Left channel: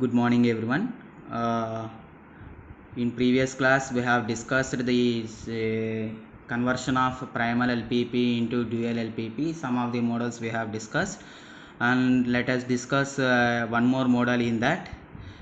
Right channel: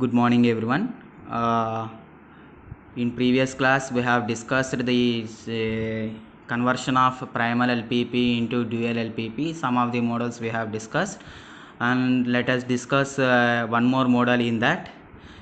Good morning, everyone. In previous class, we have discussed the conversion of primal LPP into dual LPP. Some of the models we have discussed, and let us discuss one more model in that.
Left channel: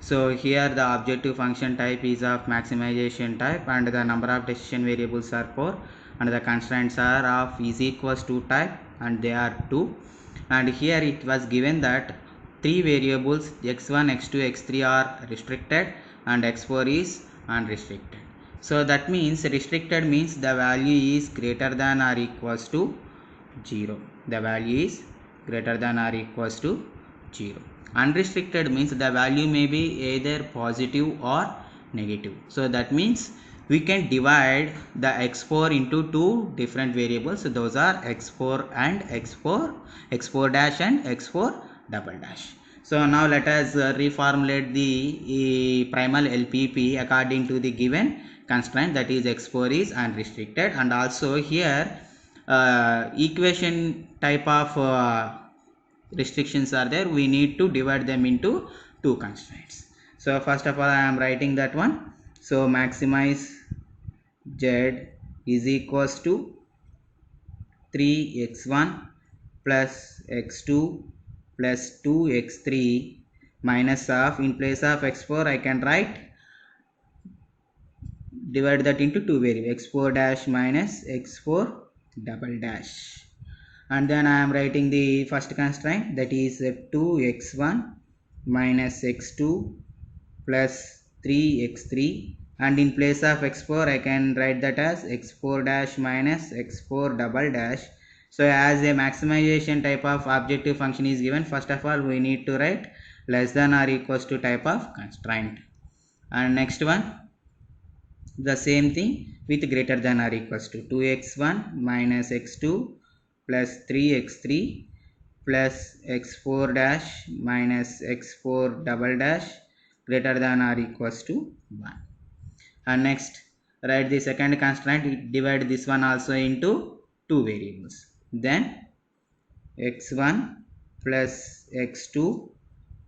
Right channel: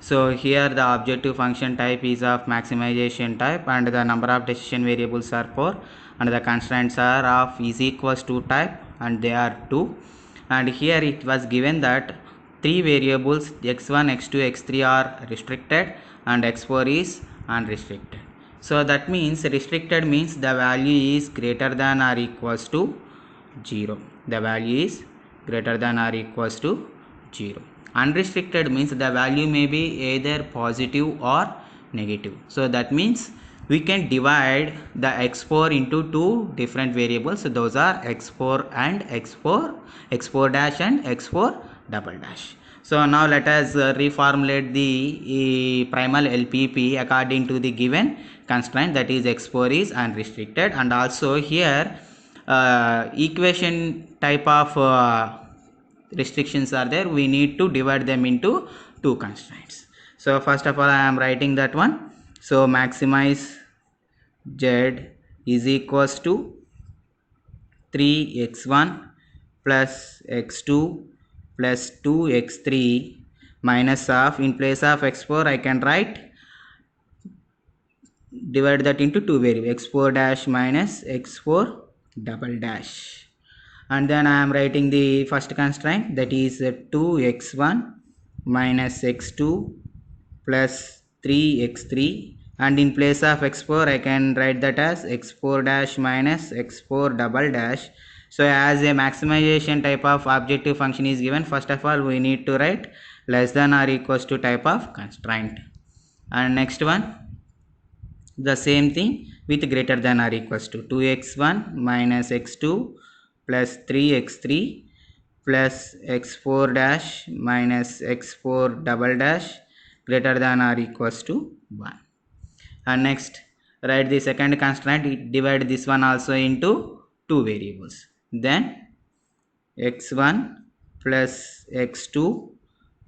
So here the objective function type is of maximization type, and the number of decision variables are 4, and the constraints are of is equals to type, and they are 2. And here it was given that three variables x1, x2, x3 are restricted and x4 is unrestricted. So that means restricted means the value is greater than or equals to 0. The value is greater than or equals to 0. Unrestricted means the value may be either positive or negative. So that means we can divide the x4 into two different variables. So those are x4 and x4, x4 dash and x4 double dash. So now let us reformulate the primal LPP according to the given constraint, that is x4 is unrestricted, and also here equation type of restrictions are there. We need to divide them into two constraints. So first of all I am writing that one. So maximize z is equals to 3x1 plus x2 plus 2x3 minus of, in place of x4 I can write, divide that into two variables, x4 dash minus x4 double dash. And then I am writing the first constraint, that is 2x1 minus x2 plus 3x3, and in place of x4 I can write that as x4 dash minus x4 double dash. So as a maximization type of objective function is given, first of all we need to write less than or equals to type of constraint, and next one the same thing with greater than or equals to 2x1 minus x2 plus 3x3 plus x4 dash minus x4 double dash greater than or equals to 1. And next write the second constraint, divide this one also into two variables, then x1 plus x2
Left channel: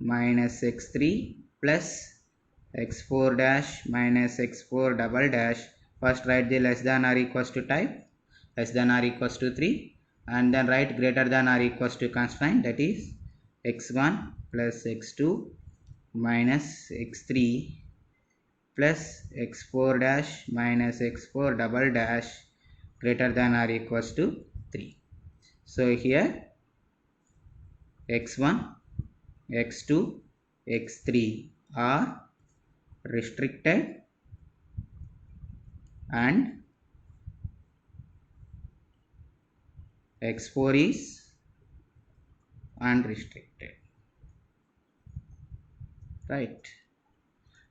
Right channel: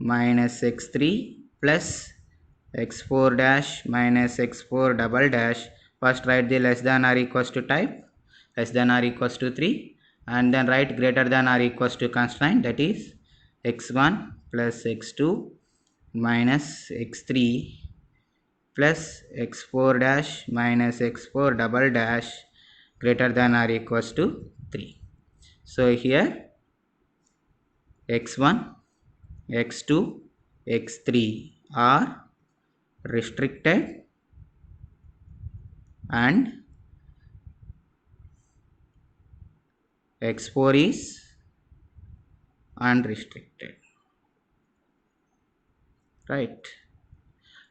minus x3 plus x4 dash minus x4 double dash. First write the less than or equals to type, less than or equals to 3, and then write greater than or equals to constraint, that is x1 plus x2 minus x3 plus x4 dash minus x4 double dash greater than or equals to 3. So here x1, x2, x3 are restricted and x4 is unrestricted, right?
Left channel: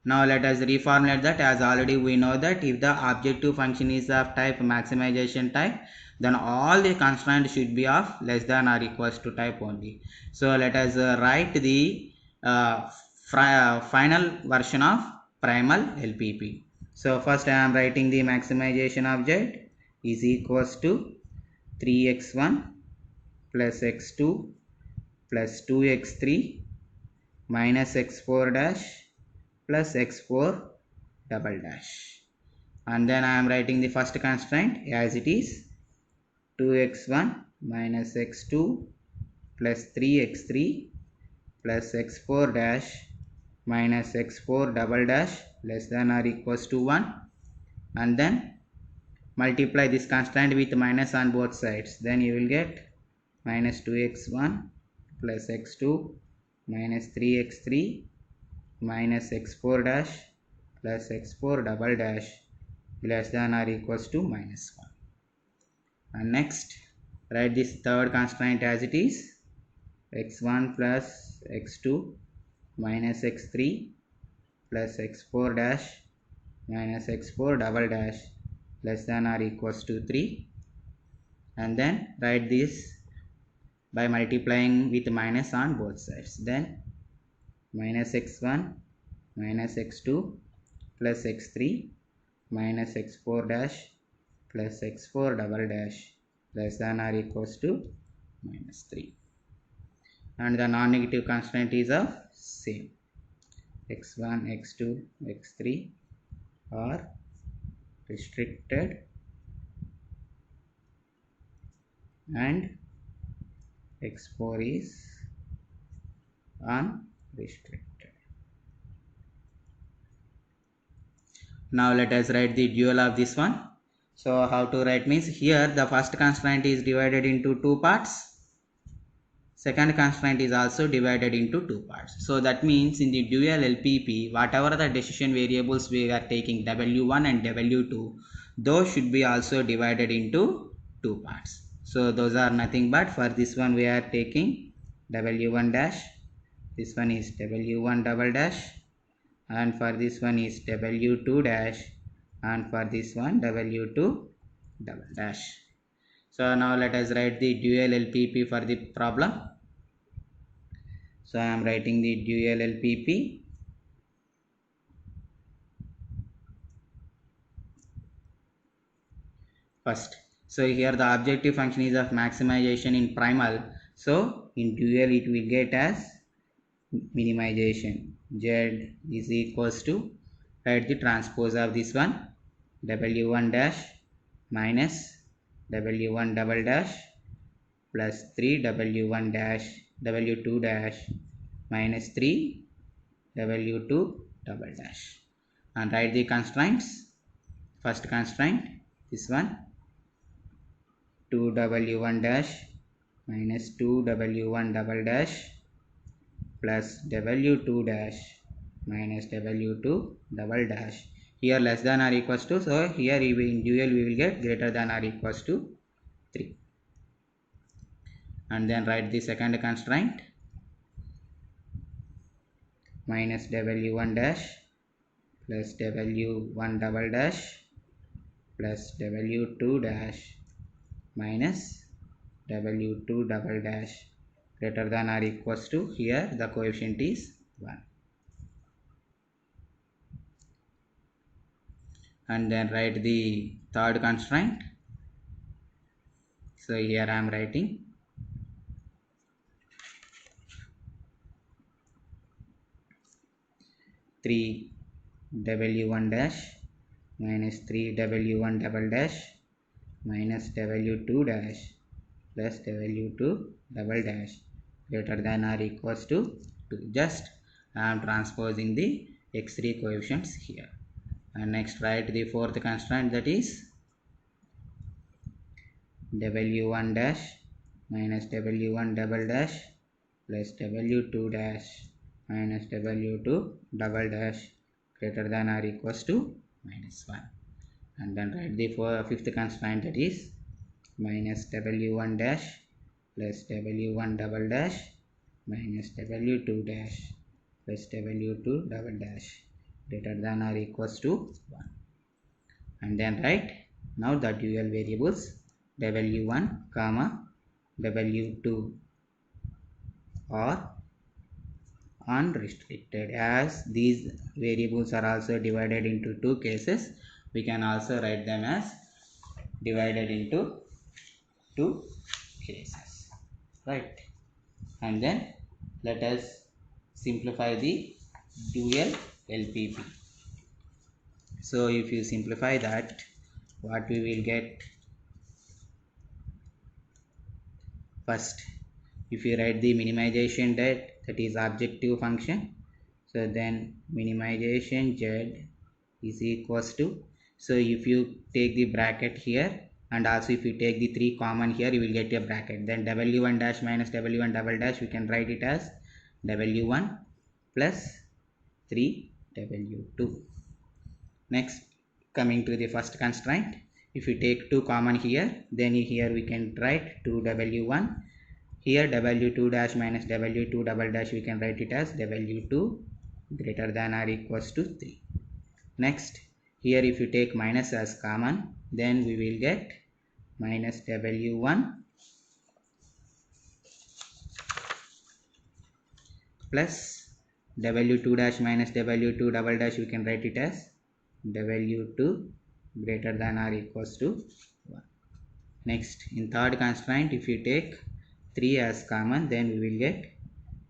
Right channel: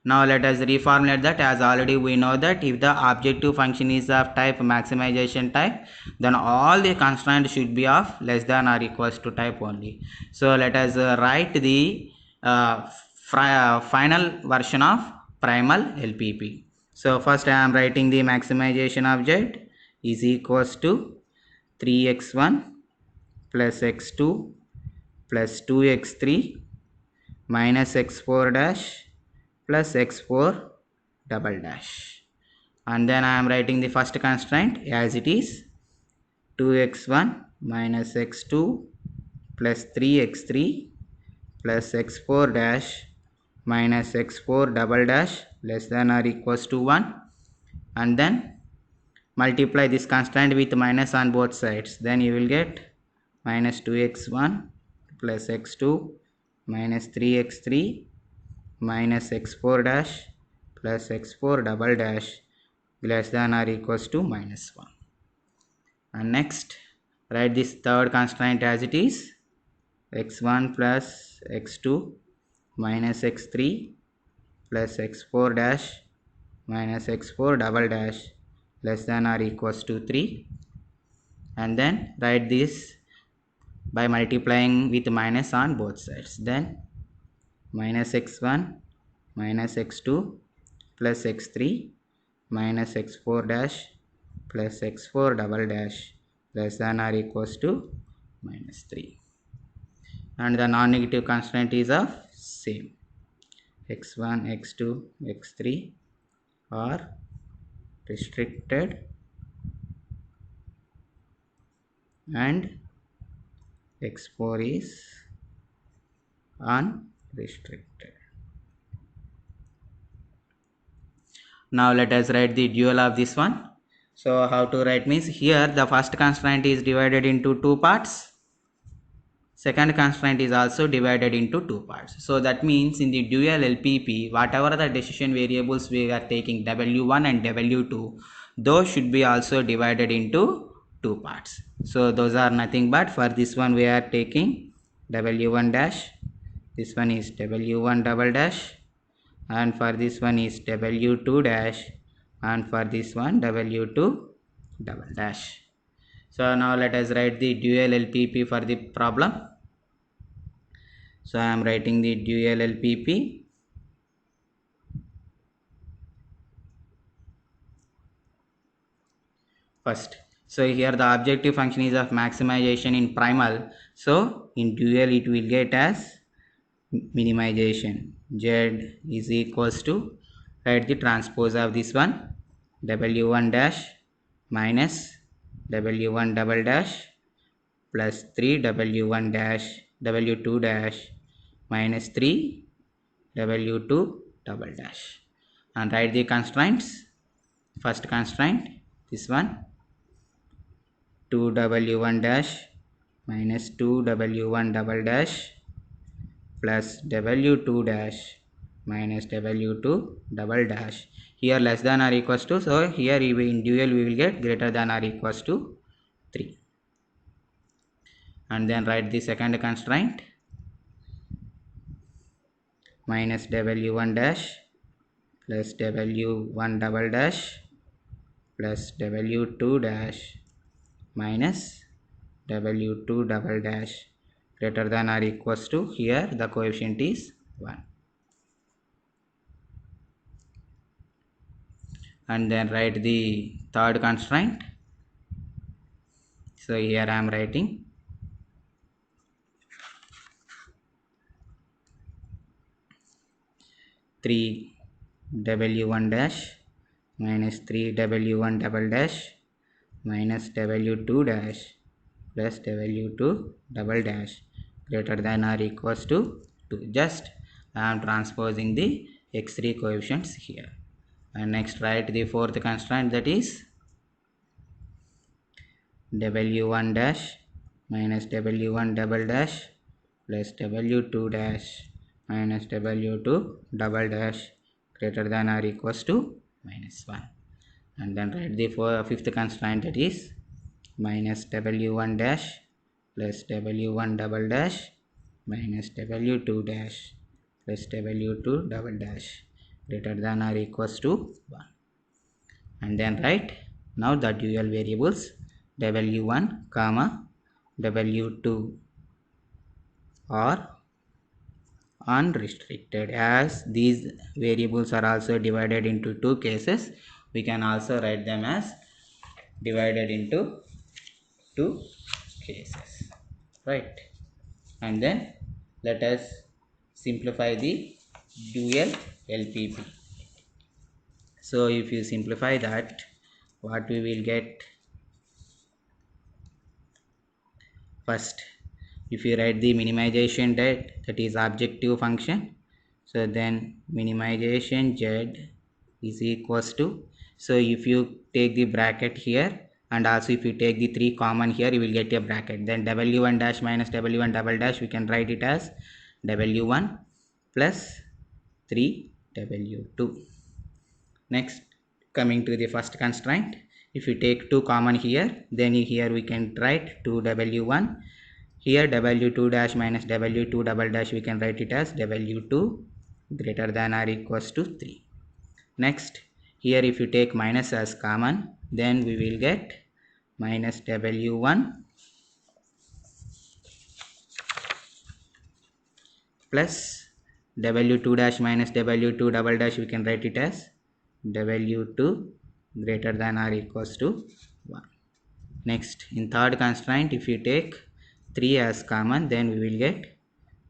Now let us reformulate that, as already we know that if the objective function is of type maximization type, then all the constraints should be of less than or equals to type only. So let us write the final version of primal LPP. So first I am writing the maximization of z is equals to 3x1 plus x2 plus 2x3 minus x4 dash plus x4 double dash, and then I am writing the first constraint as it is 2x1 minus x2 plus 3x3 plus x4 dash minus x4 double dash less than or equals to 1, and then multiply this constraint with minus on both sides, then you will get minus 2x1 plus x2 minus 3x3 minus x4 dash plus x4 double dash less than or equals to minus 1. And next write this third constraint as it is x1 plus x2 minus x3 plus x4 dash minus x4 double dash less than or equals to 3, and then write this by multiplying with minus on both sides, then minus x1 minus x2 plus x3 minus x4 dash plus x4 double dash less than or equals to minus 3, and the non-negative constraint is of same. x1, x2, x3 are restricted and x4 is unrestricted. Now let us write the dual of this one. So how to write means, here the first constraint is divided into two parts. Second constraint is also divided into two parts. So that means in the dual LPP, whatever the decision variables we are taking, W1 and W2, those should be also divided into two parts. So those are nothing but, for this one we are taking W1 dash, this one is W1 double dash, and for this one is W2 dash, and for this one W2 double dash. So now let us write the dual LPP for the problem. So I am writing the dual LPP. First, so here the objective function is of maximization in primal. So in dual it will get as minimization. Z is equals to, write the transpose of this one, W1 dash minus W1 double dash plus 3 W1 dash W2 dash minus 3 W2 double dash, and write the constraints. First constraint, this one, 2W1 dash minus 2W1 double dash plus W2 dash minus W2 double dash. Here less than or equals to, so here in dual we will get greater than or equals to 3. And then write the second constraint, minus W1 dash plus W1 double dash plus W2 dash minus W2 double dash greater than or equals to, here the coefficient is 1. And then write the third constraint. So here I am writing three W1 dash minus 3 W1 double dash minus W2 dash plus W2 double dash greater than or equals to 2. Just I am transposing the x3 coefficients here. And next write the fourth constraint, that is W1 dash minus W1 double dash plus W2 dash minus W2 double dash greater than or equals to minus 1. And then write the fifth constraint, that is minus W1 dash plus W1 double dash minus W2 dash plus W2 double dash greater than or equals to 1. And then write now the dual variables W1 comma W2 are unrestricted. As these variables are also divided into two cases, we can also write them as divided into two cases, right? And then let us simplify the dual LPP. So if you simplify that, what we will get, first if you write the minimization that is objective function, so then minimization Z is equals to, so if you take the bracket here and also if you take the 3 common here, you will get a bracket, then W1 dash minus W1 double dash, we can write it as W1 plus 3 W2. Next, coming to the first constraint, if you take 2 common here, then here we can write 2W1. Here W2 dash minus W2 double dash, we can write it as W2 greater than or equals to 3. Next, here if you take minus as common, then we will get minus W1 plus W2 dash minus W2 double dash, we can write it as W2 greater than or equals to 1. Next, in third constraint, if you take 3 as common, then we will get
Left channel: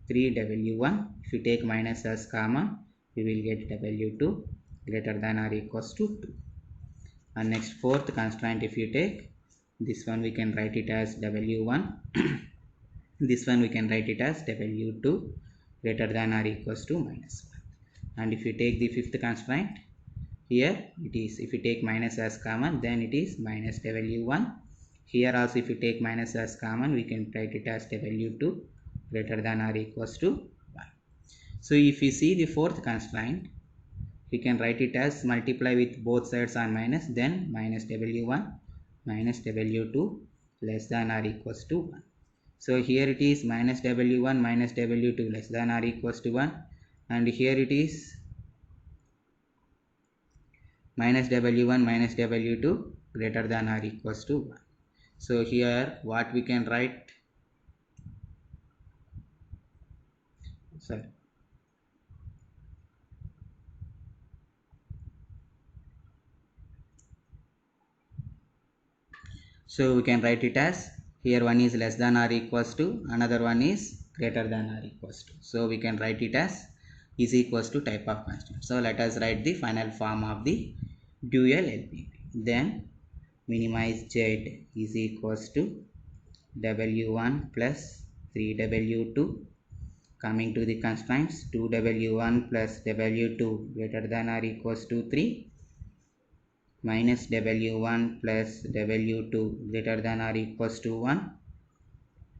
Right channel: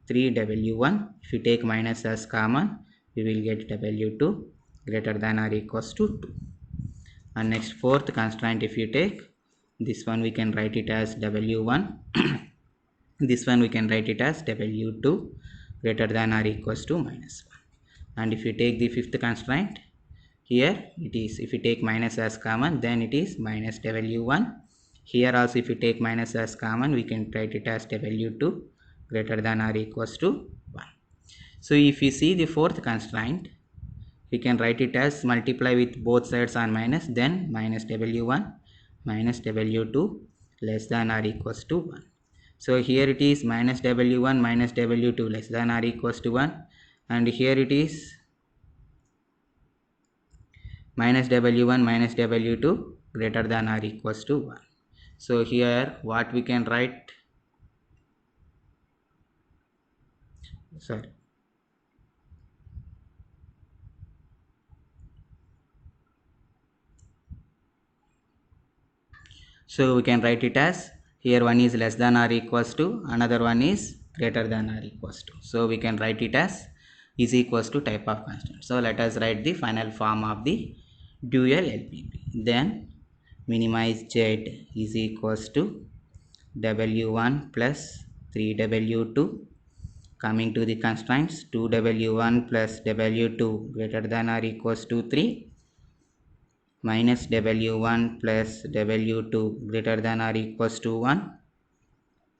3W1. If you take minus as common, we will get W2 greater than or equals to 2. And next fourth constraint, if you take this one, we can write it as W1. This one we can write it as W2 greater than or equals to minus 1. And if you take the fifth constraint, here it is, if you take minus as common, then it is minus W1. Here also if you take minus as common, we can write it as W2 greater than or equals to 1. So if you see the fourth constraint, we can write it as multiply with both sides on minus, then minus W1 minus W2 less than or equals to 1. So here it is minus W1 minus W2 less than or equals to 1, and here it is minus W1 minus W2 greater than or equals to 1. So here what we can write, sorry, so we can write it as, here one is less than or equals to, another one is greater than or equals to. So we can write it as is equals to type of constant. So let us write the final form of the dual LPP. Then minimize Z is equals to W1 plus 3W2. Coming to the constraints, 2W1 plus W2 greater than or equals to 3, minus W1 plus W2 greater than or equals to 1,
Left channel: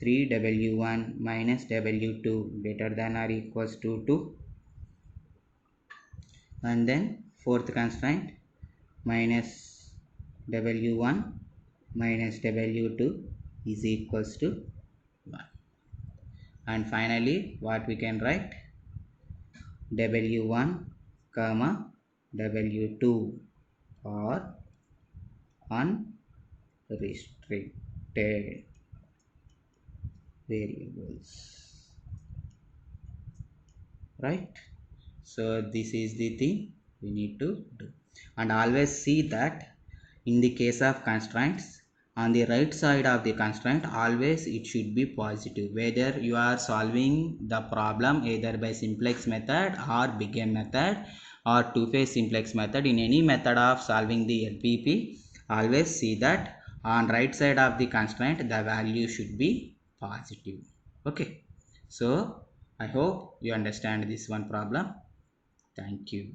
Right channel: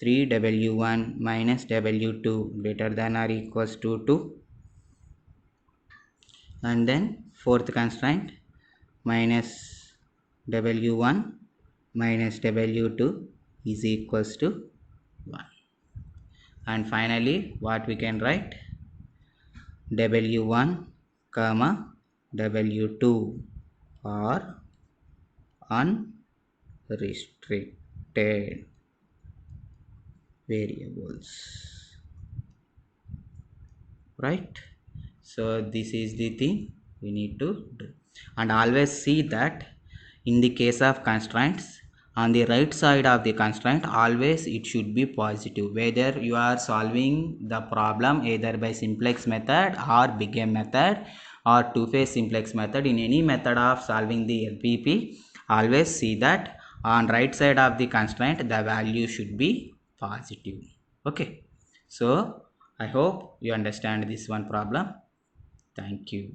3W1 minus W2 greater than or equals to 2, and then fourth constraint, minus W1 minus W2 is equals to 1. And finally what we can write, W1 comma W2 are unrestricted variables, right? So this is the thing we need to do. And always see that in the case of constraints, on the right side of the constraint always it should be positive, whether you are solving the problem either by simplex method or big M method or two-phase simplex method. In any method of solving the LPP, always see that on right side of the constraint the value should be positive. Okay, so I hope you understand this one problem. Thank you.